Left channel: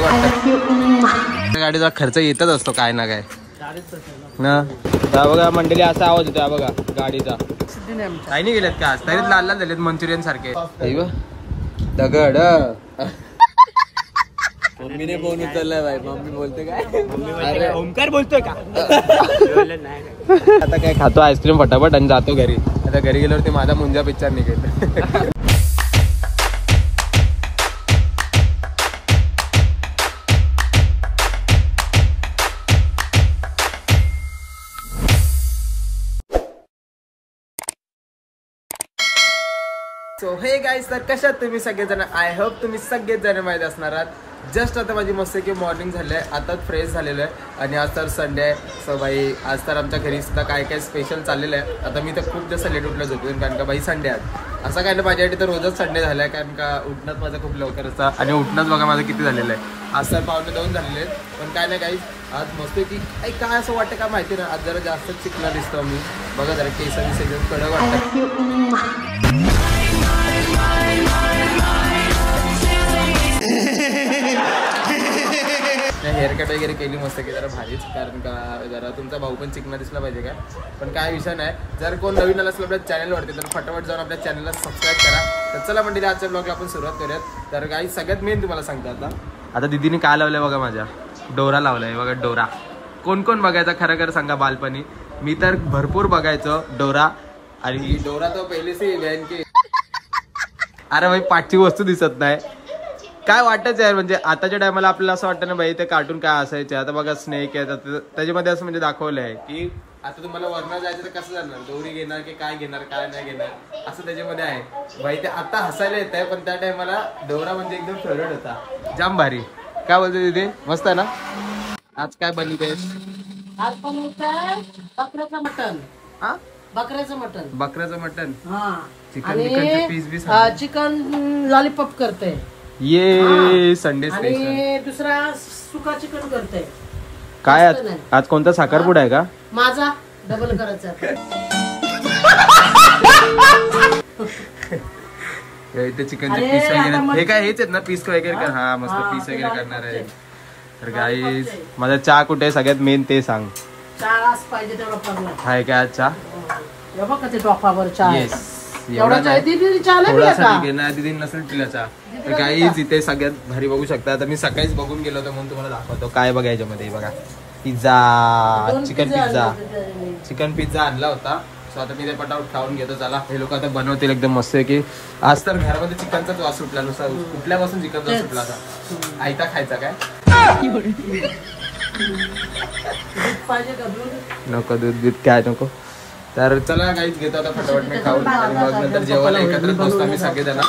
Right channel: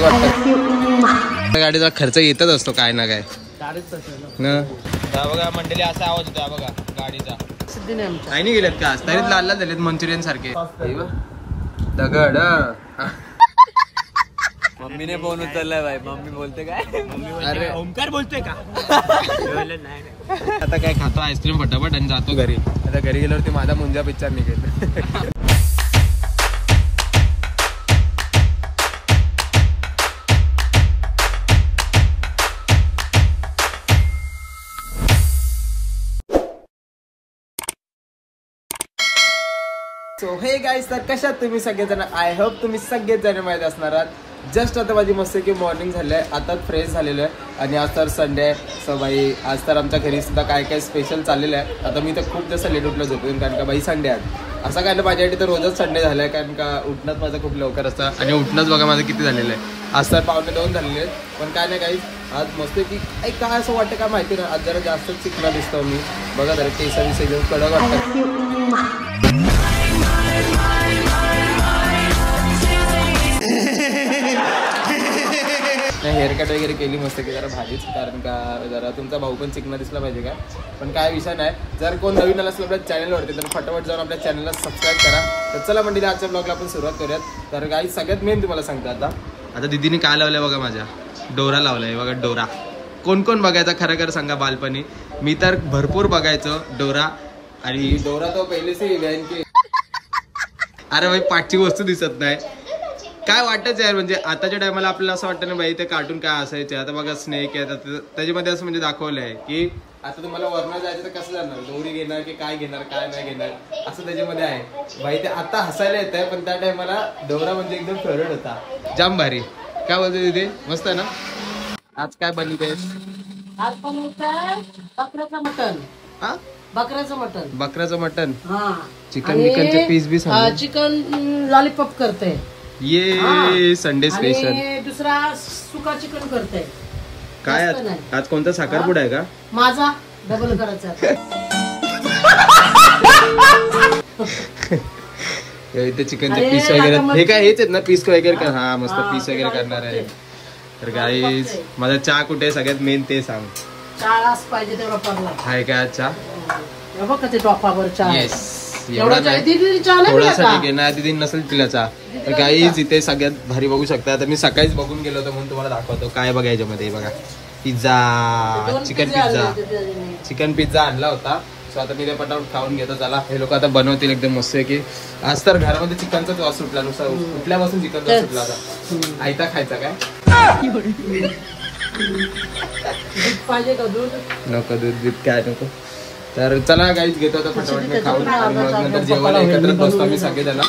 कडक वाटतं. गाडीचा खर्च येतच असतो काय ना काय ना. बघा मंडळी असा आवाज होता बघा गाडीचा. काही नाही गेलेत का तरीच लाल लाल झालेत मंचुरियन सारखे. दगड मम्मीने फोन उचललाय भाई. मम्मी बोलते काय? अरे ओमकार बोलतोय का? आता काय खातो आईस्क्रीम फटाफट आणि जातो घरी. आता घरी गेल्यावरती माझा मुंजा पिक्चर निघेल. सो हे गाईज, तर कशात तुम्ही सगळेजण? आय होप तुम्ही सगळेच जण माहीत असणार आहात. जस्ट आता माझी मस्त की मॉर्निंग झाली आहे, आताच फ्रेश झालेलं आहे आणि आज तर संडे आहे. सो बाई आज तर आमच्या घरी सुद्धा काय काय स्पेशल चाललेलं आहे. आता मी तर खूप जास्त लेट उठलं झोपून, कारण का बाई संडे आहे. असं काय ना माझ्यासाठी तर रोजच संडे झालं आहे, कारण का उठणंच माझं खूप लवकर असतं आणि उठणंच बघा माझं किती झालेलं आहे. आज तर 1:45 झालेले आहेत. पण काय नाही गाईज, आज मस्त की काय असं वाटतं का माहिती ना, आज जरा जास्तच चिकना दिसतो मी. बघा जरा केसांनी सगळं कडक वाटतं. हेअर कट वगैरे केली मस्त की जरा भारीच, कारण का जरा तुमचा भाऊ पण चिकना दिसला पाहिजे काय. पण काय विषय नाही, जर कोण नवीन आला असलं आपल्या चॅनलवरती तर फटाफट जाऊन आपल्या चॅनलला सबस्क्राईब करा. तर चला म्हणजे आजच्या ब्लॉगला आपण सुरुवात करूयात. तर काही सगळ्यात मेन तुम्हाला सांगतो आता दीदीने काय लावलंय बघा, माझ्या डोरा लावलाय बघा. डोरा कोण कोण बघायचा खरं खरं सांगा? बालपणी मी तर भरपूर बघायचो डोरा. आणि डोरा तो पहिले से व्हॅन की अरे भाई पाठची वस्तू दिसत नाही. काय वाटतच यार, म्हणजे आताच्या टायमाला आपल्याला असं वाटतं ना भाई ते कार्टून काय असायचे. आता बघा स्नेक आहे, त्याच्यामध्ये असं म्हणजे दाखवलं आहे की आता तुम्हाला वरनं जायचं तर कसं जाणार, दोरी घेणार की काय घेणार काय नाही घेणार असं त्याच्यामध्ये आहे भाई. ते आता हसायला येत आहे, पण त्या टायमाला डोरा म्हणजे एकदम फेवरेट होता. जाम भारी. काय बोलते तिथे? मस्त आहे ना. आज काय बनवते? आज बनवतोय बकऱ्याचं मटण. हा बकऱ्याचं मटण. बकऱ्याचं मटण. हा चिकन बिकनचे पीस बी चिकन लॉलीपॉप करते. ये संडे स्पेशल. आणि दुसरा सुका चिकन करते. काय आज कोणता साखरपुडा आहे का माझा? डबल करायचा. इथे चिकनचे पीस वगैरे हे काय हेच आहेत ना पीस वगैरे? हा मस्त पीस वगैरे करणार आहे. तर गाईज माझा चहा कुठे आहे सगळ्यात मेन ते सांग. चहा पाहिजे तेवढा पडला हाय का चहा? बघा ते टॉपावर चहा. येस एवढा नाही, थोडासा ठीक आहे ना. दिदी नसेल तिला चहा. तर गाईज इथे सगळ्यात भारी बघू शकता. तर मी सकाळीच बघून गेलो होतो म्हणून तुम्हाला दाखवतो काय बघायच्या मध्ये. बघा पिझ्झा, चिकन पिझ्झा आणला होता. सो आता मी ते पटापट खाऊन घेतो. चला हे लोक आता बनवतील एकदम मस्त की. आज तर घरामध्ये चिकनचाच वास सुटला, नुसता कुठल्यापासून चिकनचा सुटला होता. आयता खायचा काय? नको दूध काय नको. तर चला गाईच घेतो आता फटाफट मी खाऊन आणि मग नंतर जेवायला एकत्र बसतो आम्ही सगळेजण.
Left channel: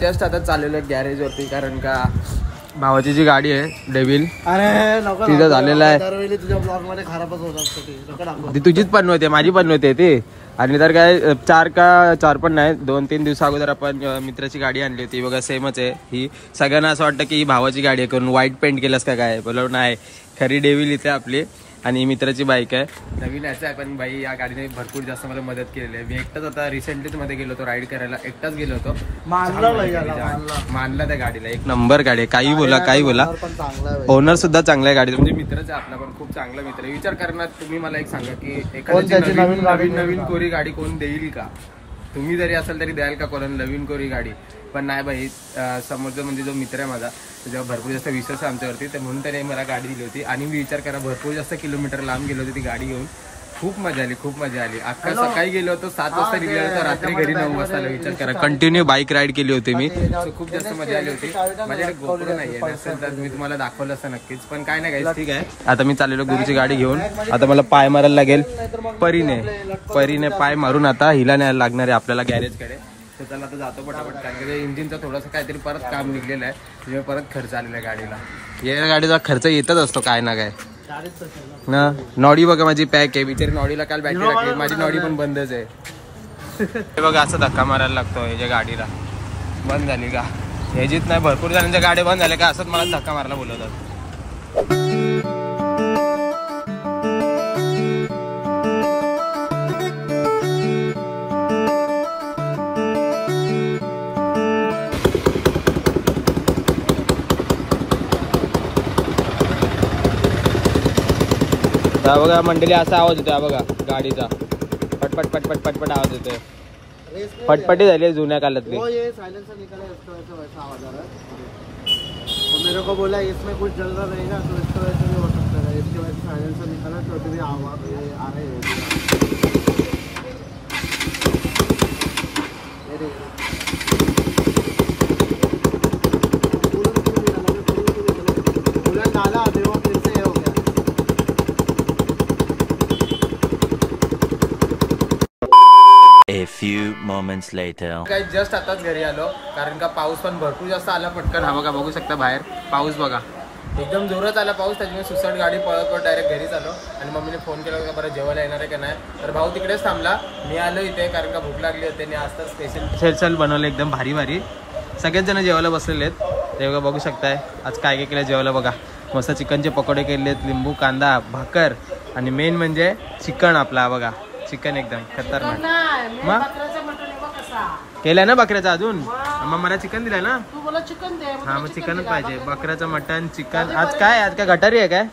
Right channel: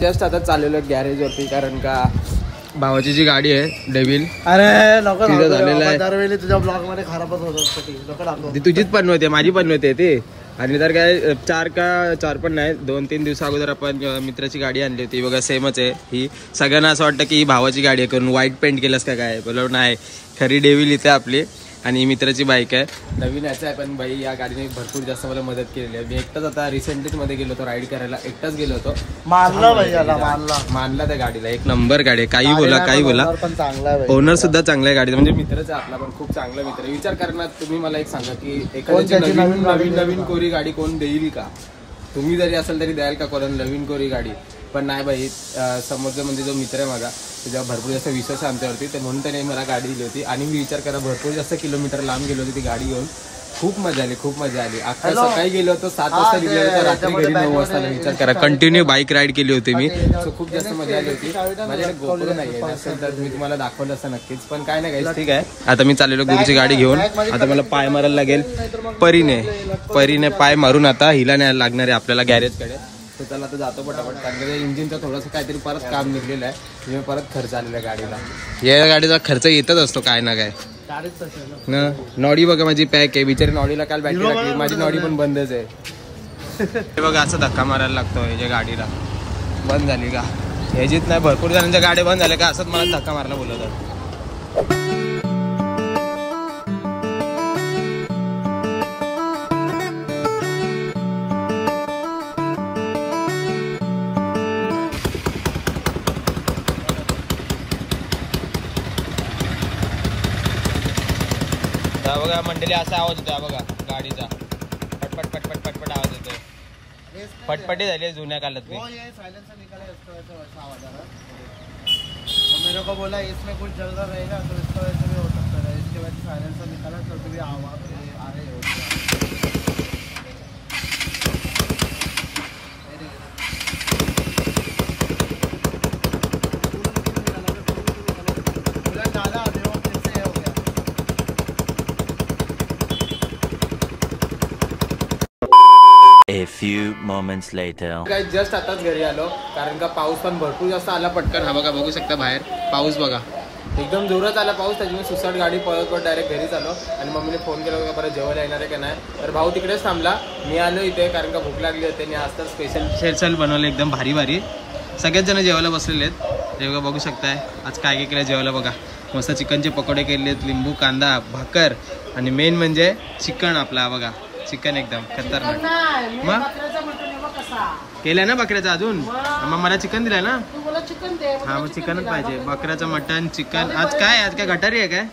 जस्ट आता चाललेलो गॅरेज वरती, कारण का भावाची जी गाडी आहे डेव्हिल तिथं झालेला आहे. तुझ्या ब्लॉग मध्ये खराबच होतात. ती तुझीच बनवते, माझी बनवते ती. आणि तर काय 4 पण नाही 2-3 दिवसा अगोदर आपण मित्राची गाडी आणली होती बघा. सेमच आहे ही. सगळ्यांना असं वाटतं की ही भावाची गाडी आहे, करून व्हाईट पेंट केलंस का काय? बोललो नाही, खरी डेव्हिल इथे आपली आणि मित्राची बाईक आहे. नवीन याचं आहे, पण बाई या गाडीने भरपूर जास्त मला मदत केलेली आहे. मी एकटाच आता रिसेंटलीच मध्ये गेलो होतो राईड करायला, एकटाच गेलो होतो. मानला त्या गाडीला. एक नंबर गाडी आहे. काही बोला काही बोला, ओनर सुद्धा चांगला आहे गाडीचा. म्हणजे मित्रच आहे आपला, पण खूप चांगला मित्र. विचार करणार तुम्ही मला एक सांगा की एखाद्याची नवीन कोरी गाडी कोण देईल का? तुम्ही जरी असेल तरी द्याल का कोणाला नवीन कोरी गाडी? पण नाही बाई, समोरचा म्हणजे जो मित्र आहे माझा त्याच्यावर भरपूर जास्त विश्वास आहे आमच्यावरती. तर म्हणून त्याने मला गाडी दिली होती. आणि मी विचार करा भरपूर जास्त किलोमीटर लांब गेलो होती ती गाडी घेऊन. खूप मजा आली, खूप मजा आली. अख्खा सकाळी गेलो होतो 7 वाजता निघलो होतो, रात्री घरी 9 वाजता. विचार करा कंटिन्यू बाईक राईड केली होती मी. सो खूप जास्त मजा आली होती. माझ्याकडे गोप्रो नाही आहे, नसेल तर मी तुम्हाला दाखवलं असतं नक्कीच. पण काय नाही गाईस, ठीक आहे. आता मी चाललेलो गुरुची गाडी घेऊन. आता मला पाय मारायला लागेल परीने पाय मारून आता हिला न्यायला लागणार आहे आपल्याला गॅरेजकडे. तर चला आता जातो पटापट, कारण की इंजिनचा थोडंसं काहीतरी परत काम निघलेलं आहे. तुम्ही परत खर्च आलेला आहे गाडीला. या गाडीचा खर्च येतच असतो काय ना काय ना. नॉडी बघा माझी पॅक आहे, बिचारी नॉडीला काल बॅटरी टाकली. माझी नॉडी पण बंदच आहे. हे बघा असं धक्का मारायला लागतो ह्याच्या गाडीला. बंद झाली का? ह्याचीच नाही, भरपूर जणांच्या गाड्या बंद झाल्या का असंच मला धक्का मारायला बोलवतात. हा बघा मंडळी असा आवाज येतो, हा बघा गाडीचा पटपट पटपट पटपट आवाज येतोय. पटपटी झाली जुन्या काळातली. वो ये साइलेंसर निकाला इसका वैसा आवाज आ रहा है और मेरे को बोला इसमें कुछ जल रहा रहेगा तो इसका वैसे भी हो सकता है, इसकी वजह से साइलेंसर निकाला तो भी आवाज आ रहे कूलर डाला देखो फिर से हो गया. A few moments later. काय जस्ट आताच घरी आलो कारण का पाऊस पण भरपूर जास्त आला पटकन. हा बघा बघू शकता बाहेर पाऊस बघा एकदम जोरात आला पाऊस. त्याच्यामुळे सुसाट गाडी पळत पळत डायरेक्ट घरीच आलो आणि मम्मीने फोन केला का बरं जेवायला येणार आहे का नाही. तर भाऊ तिकडेच थांबला, मी आलो इथे कारण का भूक लागली होती आणि आज तर स्पेशल बनवलं एकदम भारी भारी. सगळेच जण जेवायला बसलेले आहेत. ते बघा बघू शकताय आज काय काय केलं जेवायला. बघा मस्त चिकनचे पकोडे केलेत, लिंबू कांदा भाकर आणि मेन म्हणजे चिकन आपला बघा. चिकन एकदम खतरनाक. मग केलंय ना बकऱ्याचा अजून. मग मला चिकन दिलंय ना. हा मग चिकनच पाहिजे. बकऱ्याचं मटन चिकन. आज काय गटारी आहे काय.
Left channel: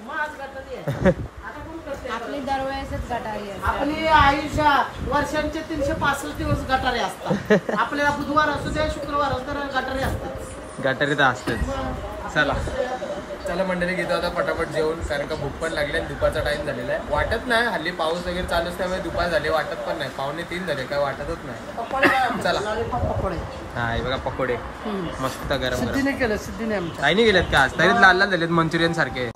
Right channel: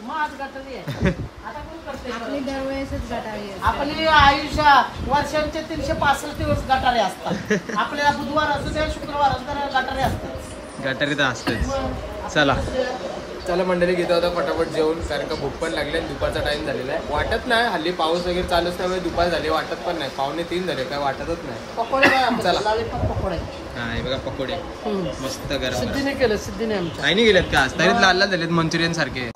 आपली आयुष्यात वर्षांचे 365 दिवस गटारे असतात. आपल्याला बुधवार असू द्या शुक्रवार असू द्या गटारे असतात. गटारी तर असतेच. चला चला मंडळी घेतो आता फटाफट जेवून कारण का भूक पण लागली आणि दुपारचा टाइम झालेला आहे. वाटत नाही हल्ली पाऊस वगैरे चालू त्यामुळे दुपार झाली वाटत पण नाही. 2:45 झाले काय वाटतच नाही. चला हा हे बघा पकोडे मस्त गरम सिद्धीने केलं. सिद्धीने आमच्या काही नाही गेलेत का आज तरी लाल लाल झालेत मंचुरियन सारखे.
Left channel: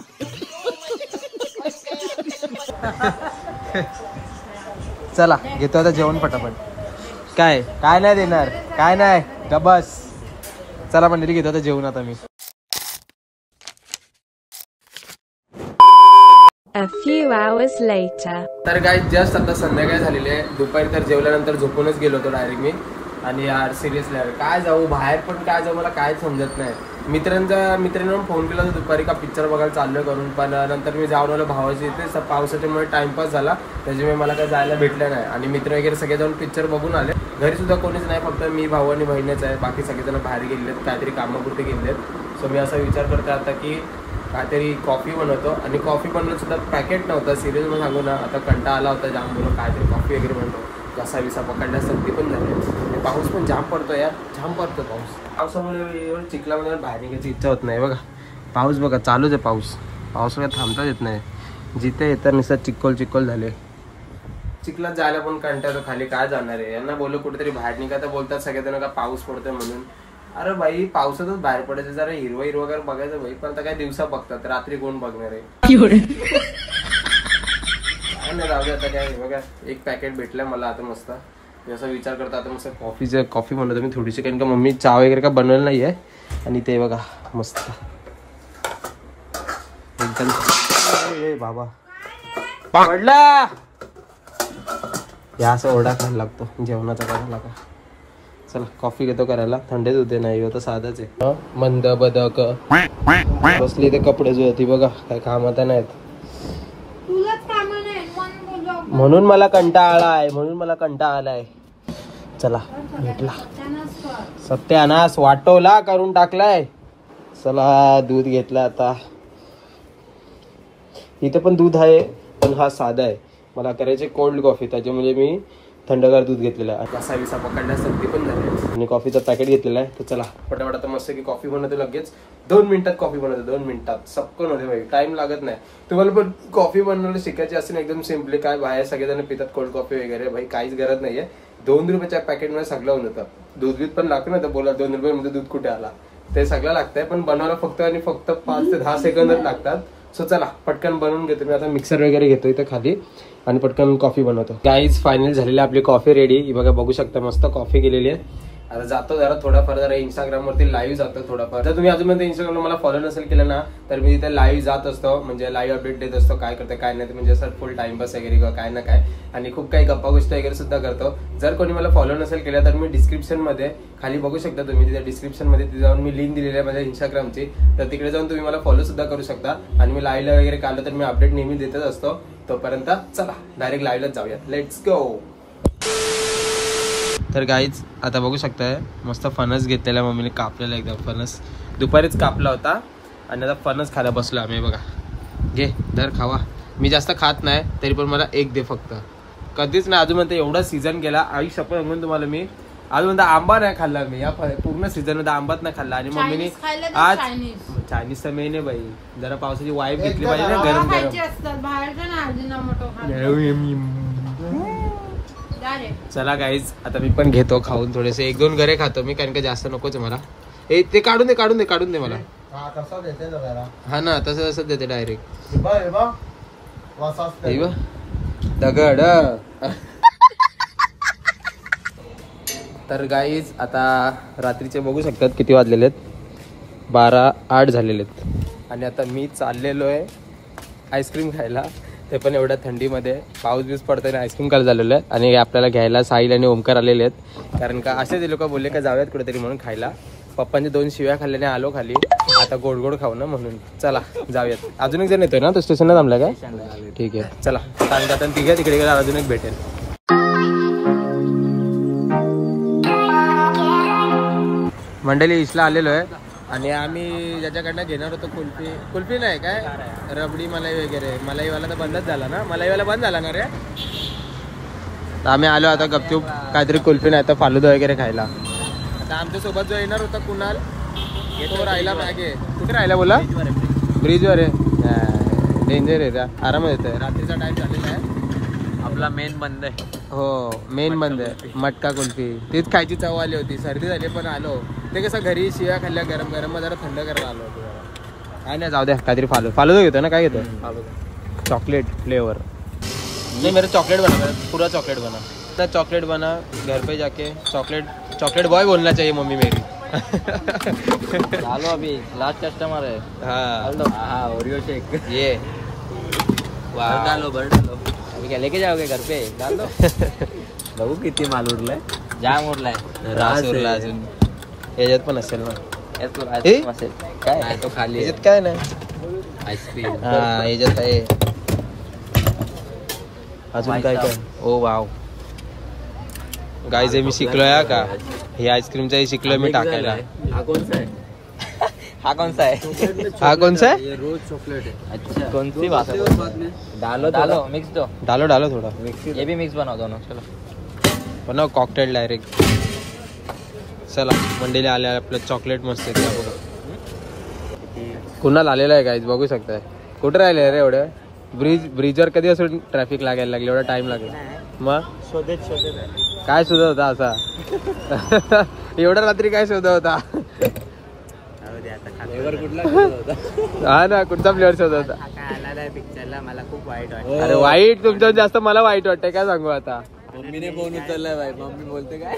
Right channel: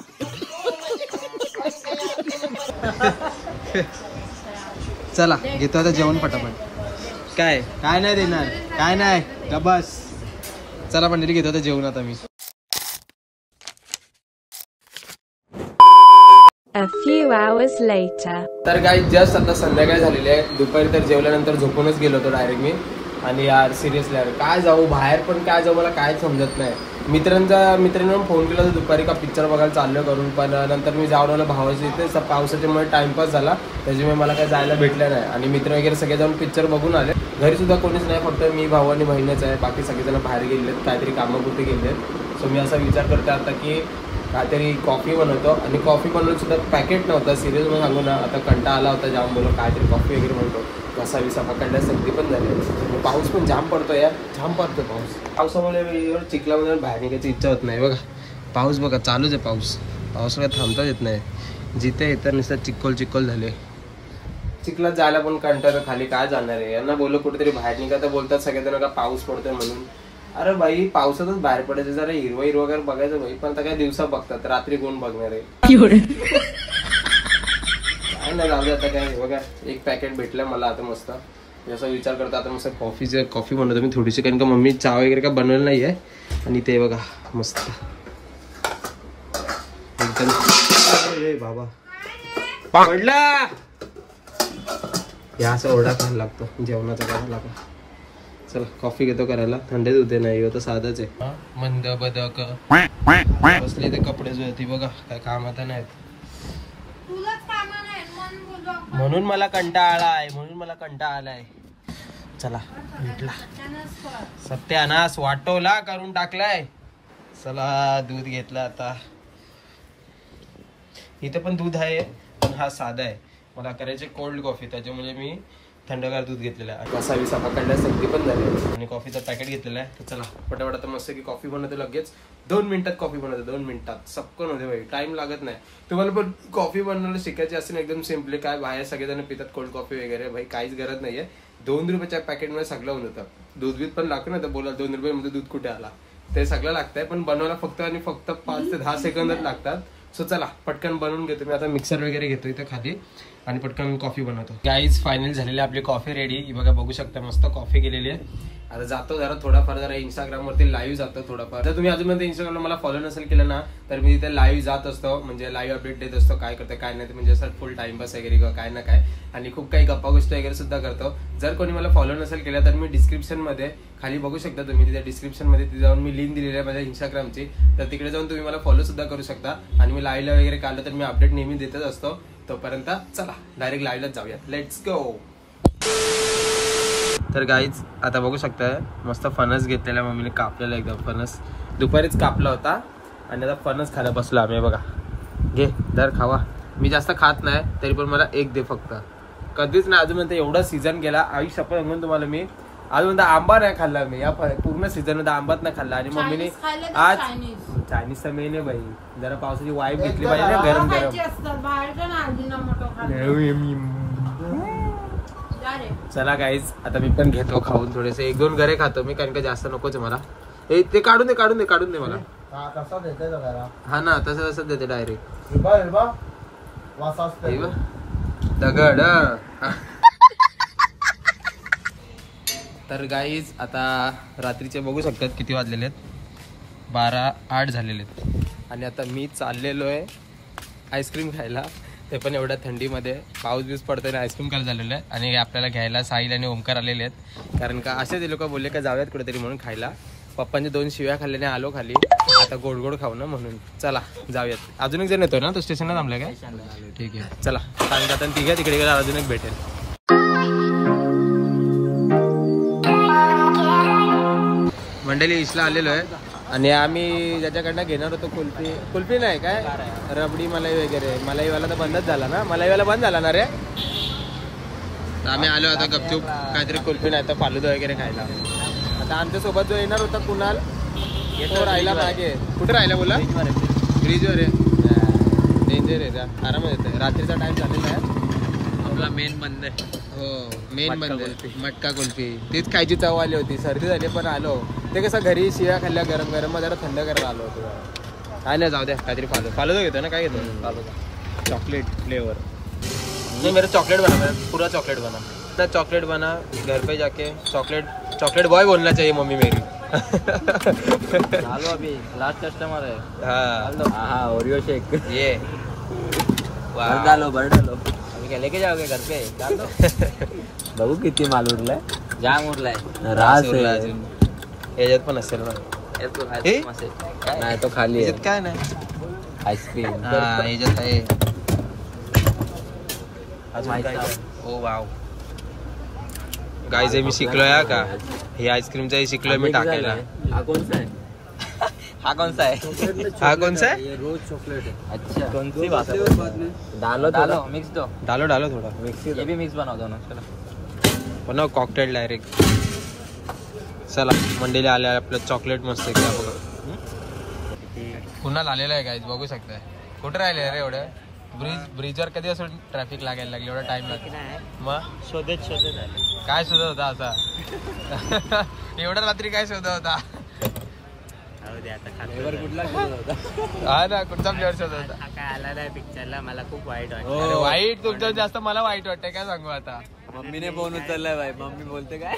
चला घेतो आता जेवण फटाफट. काय काय नाही देणार काय नाही का बस. चला मंडळी घेतो आता जेवण आता मी. A few hours later. तर गाईज जस्ट आता संध्याकाळ झालेली आहे. दुपारी तर जेवल्यानंतर झोपूनच गेलो होतो डायरेक्ट मी. आणि यार सिरियसली यार काय जाऊ बाहेर पण काय जाऊ मला काय समजत नाही. मित्रांनी फोन केला होता दुपारी का पिक्चर बघायला चाललं करून पण नंतर मी जाऊन आलो भावाच्या इथे. पावसाच्यामुळे टाइमपास झाला त्याच्यामुळे मला काय जायला भेटलं नाही. आणि मित्र वगैरे सगळे जाऊन पिक्चर बघून आले. घरी सुद्धा कोणीच नाही फक्त मी भाऊ आणि बहिणच आहे. बाकी सगळेजण बाहेर गेलेत काहीतरी कामापुरते गेलेत. सो मी असा विचार करतो आता की काहीतरी कॉफी बनवतो. आणि कॉफी बनवून सुद्धा पॅकेट नव्हतं. सिरियस म्हणून सांगू ना आता कंटाळा आला होता जाम. बोललो काहीतरी कॉफी वगैरे बनवतो. कसा विसा पकडण्यास सक्ती पण झाली. पाऊस पण जाम पडतो यार जाम पडतो पाऊस. पावसामुळे चिखलामध्ये बाहेर निघायची इच्छा होत नाही. बघा पाऊस बघा चालूच आहे पाऊस. पाऊस काय थांबताच येत नाही. जिथे येतात नुसतं चिक्कोल झाले. चिखलात जायला पण कंटाळतो. खाली काय जाणार आहे. यांना बोललो कुठेतरी बाहेर निघा तर बोलतात सगळेजण का पाऊस पडतोय म्हणून. अरे बाई पावसातच बाहेर पडायचं जरा हिरवं वगैरे बघायचं भाई. पण आता काय दिवसा बघतात रात्री कोण बघणार आहे. काय नाही जाऊ दे आता काय. बघा एक पॅकेट भेटलं मला आता मस्त. जसा विचार करता आता मस्त कॉफी बनवतो मी थोडीशी कारण का मम्मी चहा वगैरे का बनवलं नाहीये. आणि ते बघा मस्त एकदम बाबा पडला. या असं ओरडा खायला लागतो जेवणाचा करायला का. चला कॉफी घेतो करायला. थंडीच होते नाही होतं साधच आहे. मंद बदक बसली ते कपडे जो ती बघा काय काम आता नाहीत. म्हणून मला कंटाळा आलाय. चला भेटला सत्यानाश वाटोला करून टाकलाय. चला दूध घेतला आता. इथे पण दूध आहे पण हा साधा आहे. मला करायचे कोल्ड कॉफी त्याच्यामुळे मी थंडगार दूध घेतलेला आहे. कसा विसा पकडण्यासाठी पण झाले. आणि कॉफीचं पॅकेट घेतलेलं आहे. तर चला फटाफट आता मस्त की कॉफी बनवते लगेच. 2 मिनिटात कॉफी बनवते. 2 मिनिटात सबकन होते भाई. टाइम लागत नाही. तुम्हाला पण कॉफी बनवायला शिकायची असेल एकदम सिम्पली काय बाहेर सगळेजण पितात कोल्ड कॉफी वगैरे भाई काहीच गरज नाहीये. 2 रुपयाच्या पॅकेटमध्ये सगळं होऊन जातं. दूध पण लागतं ना तर बोला 2 रुपयामध्ये दूध कुठे आला. ते सगळं लागतंय पण बनवायला फक्त 5 ते 10 सेकंदच लागतात. सो चला पटकन बनवून घेतो मी आता. मिक्सर वगैरे घेतो इथं खाली आणि पटकन कॉफी बनवतो. गाईज फायनल झालेली आपली कॉफी रेडी. ही बघा बघू शकता मस्त कॉफी केलेली आहे. आता जातो जरा थोडाफार जरा इंस्टाग्रामवरती लाईव्ह जातो थोडाफार. जर तुम्ही अजूनपर्यंत इंस्टाग्रामला मला फॉलो नसेल केलं ना तर मी तिथे लाईव्ह जात असतो. म्हणजे लाईव्ह अपडेट देत असतो काय करते काय नाही. म्हणजे असं फुल टाइमपास वगैरे किंवा काय ना काय. आणि खूप काही गप्पा गोष्टी वगैरे सुद्धा करतो. जर कोणी मला फॉलो नसेल केलं तर मी डिस्क्रिप्शन मध्ये खाली बघू शकता तुम्ही. तिथे डिस्क्रिप्शन मध्ये तिथे जाऊन मी लिंक दिलेली आहे माझ्या इंस्टाग्रामची. तर तिकडे जाऊन तुम्ही मला फॉलो सुद्धा करू शकता. आणि मी लाईव्हला वगैरे काढलं तर मी अपडेट नेहमी देतच असतो. तोपर्यंत चला डायरेक्ट लाईव्हलाच जाऊयात. Let's go. तर गाईज आता बघू शकताय मस्त फणस घेतलेला मम्मीने कापलेला एकदम. फणस दुपारीच कापला होता आणि आता फणस खायला बसलो आम्ही. बघा घे दर खावा. मी जास्त खात नाही तरी पण मला एक दे फक्त. कधीच नाही अजून म्हणता एवढा सीझन गेला आई शपथ सांगून तुम्हाला मी अजून म्हणता आंबा नाही खाल्ला मी या पूर्ण सीझन मध्ये आंबाच नाही खाल्ला. आणि मम्मीने आज चायनीज तर मेन आहे बाई. जरा पावसाची वाईफ घेतली पाहिजे ना गरम गरम. चला गाईज आता मी पण घेतो खाऊन थोडेसे 1-2 घरे खातो मी कारण का जास्त नकोच मला. ते काढून दे मला. हा ना तसं देते डायरेक्ट दगड. तर गाईज आता रात्रीचे बघू शकतात किती वाजलेले आहेत. 12:08 झालेले आहेत आणि आता मी चाललेलो आहे आईस्क्रीम खायला. ते पण एवढ्या थंडीमध्ये पाऊस बीस पडतोय आईस्क्रीम खायला झालेलं आहे. आणि आपल्याला घ्यायला साहिल आणि ओमकार आलेले आहेत कारण का असे ते लोक बोलले का जाऊयात कुठेतरी म्हणून खायला. पप्पांनी 2 शिव्या खाल्ल्याने आलो खाली. आता गोड गोड खाऊ ना म्हणून चला जाऊयात. अजून एक जण येतोय ना तो स्टेशनला थांबला काय. ठीक आहे चला कारण का आता तिघे तिकडे गेला अजून एक भेटेल. मंडळी इशला आलेलो आहे आणि आम्ही ज्याच्याकडनं घेणार होतो कुल्फी नाही काय रबडी मलाई वगैरे. मलाईवाला तर बंदच झाला ना. मलाईवाला बंद झाला ना रे. तर आम्ही आलो आता गपचूप काहीतरी कुल्फी नाही तर फालुदा वगैरे खायला. आता आमच्यासोबत जो येणार होता कुणाल तो राहिला मागे. कुठे राहिला बोला. ब्रिजवर आहे. डेंजर आहे आरामात येतं. रात्रीचा टाइम झालेला आहे. आपला मेन बंद आहे. हो मेन बंद आहे. मटका कुल्फी तीच खायची चव आली होती. सर्दी झाली पण आलो. ते कसं घरी शिव्या खाल्ल्या गरम गरम जरा थंड करायला आलो होतो जरा. काय नाही जाऊ द्या काहीतरी फालुदा घेतो ना. काय घेतो फालुदा चॉकलेट फ्लेवर. नहीं मेरा चॉकलेट बना पूरा चॉकलेट बना. चॉकलेट बना घर पे जाके चॉकलेट बॉय बोलना चाहिए मम्मी मेरी. अभी लास्ट कस्टमर है. हाँ ओरियो शेक ये भर डालो अभी क्या लेके जाओगे घर पे. बघू किती माल उरलाय. जाम उरलाय. याच्यात पण असेल ना. नाही तो खाली याच्यात काय नाही. आईस्क्रीम हा याच्यात आहे अजून काय काय. ओ वाव गाईज मी शिकलोय का हे आईस्क्रीमचं शिकलोय मी टाकायला. हा कोणसा आहे. हा कौन सा है. रोज चॉकलेट है. अच्छा कौन सी बात है. डालो मिक्स दो. डालो थोड़ा मिक्स. ये भी मिक्स बनाओ दोनों. चलो बनव कॉकटेल डायरेक्ट. चला मंडळीला आल्या आपलं चॉकलेट मस्त आहे. क्या बघा कुणाला आलेला आहे गाईज बघू शकताय. कुठे राहिले रे एवढं. ब्रिजवर कधी असं ट्रॅफिक लागायला लागले एवढा टाइम लागेल. मग शोधत काय शोधत होता असा. एवढ्या रात्री काय शोधत होता. हा ना कुठचा फ्लेवर शोधत होता. काय आला नाही पिक्चरला. मला खूप वाईट वाटतं. अरे वाईट तुमचं जास्त मला वाईट वाटतंय काय सांगू आता. मम्मीने फोन उचललाय भाई. मम्मी बोलते काय.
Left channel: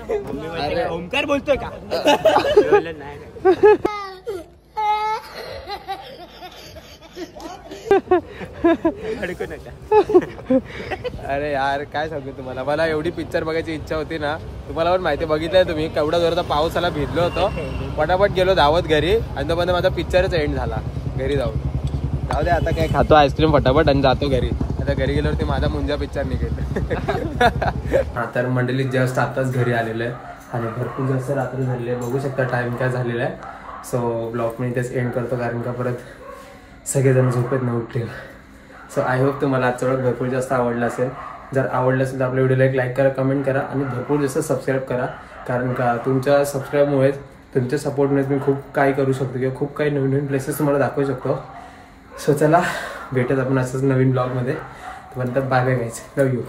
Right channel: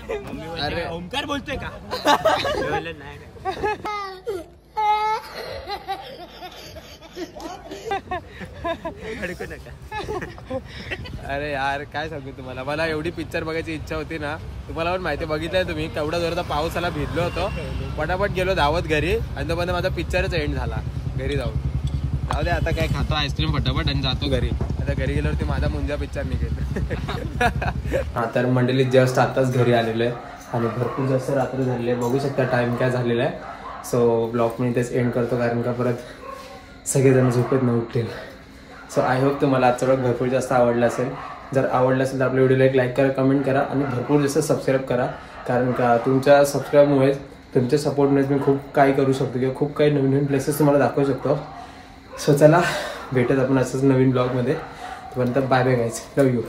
अरे ओमकार बोलतोय का. अडकू नका. अरे यार काय सांगू तुम्हाला. मला एवढी पिक्चर बघायची इच्छा होती ना. तुम्हाला पण माहिती बघितलंय तुम्ही केवढा जोराचा पाऊस आला. भिजलो होतो. पटापट गेलो धावत घरी आणि तोपर्यंत माझा पिक्चरच एंड झाला घरी जाऊन. जाऊ दे आता काय खातो आईस्क्रीम फटाफट आणि जातो घरी. आता घरी गेल्यावरती माझा मुंजा पिक्चर निघेल. हा तर मंडळी जस्ट आताच घरी आलेलो आहे आणि भरपूर जास्त रात्री झालेली आहे. बघू शकता टाइम काय झालेला आहे. सो ब्लॉग मी इथेच एंड करतो कारण का परत सगळेजण झोपेत न उठतील. सो आय होप तुम्हाला आजचा व्लॉग भरपूर जास्त आवडला असेल. जर आवडलं असेल तर आपल्या व्हिडिओला एक लाईक करा कमेंट करा आणि भरपूर जास्त सबस्क्राईब करा कारण का तुमच्या सबस्क्राईबमुळेच तुमच्या सपोर्टमुळेच मी खूप काही करू शकतो किंवा खूप काही नवीन नवीन प्लेसेस तुम्हाला दाखवू शकतो. सो चला भेटत आपण असंच नवीन ब्लॉगमध्ये. तोपर्यंत bye bye guys. Love you.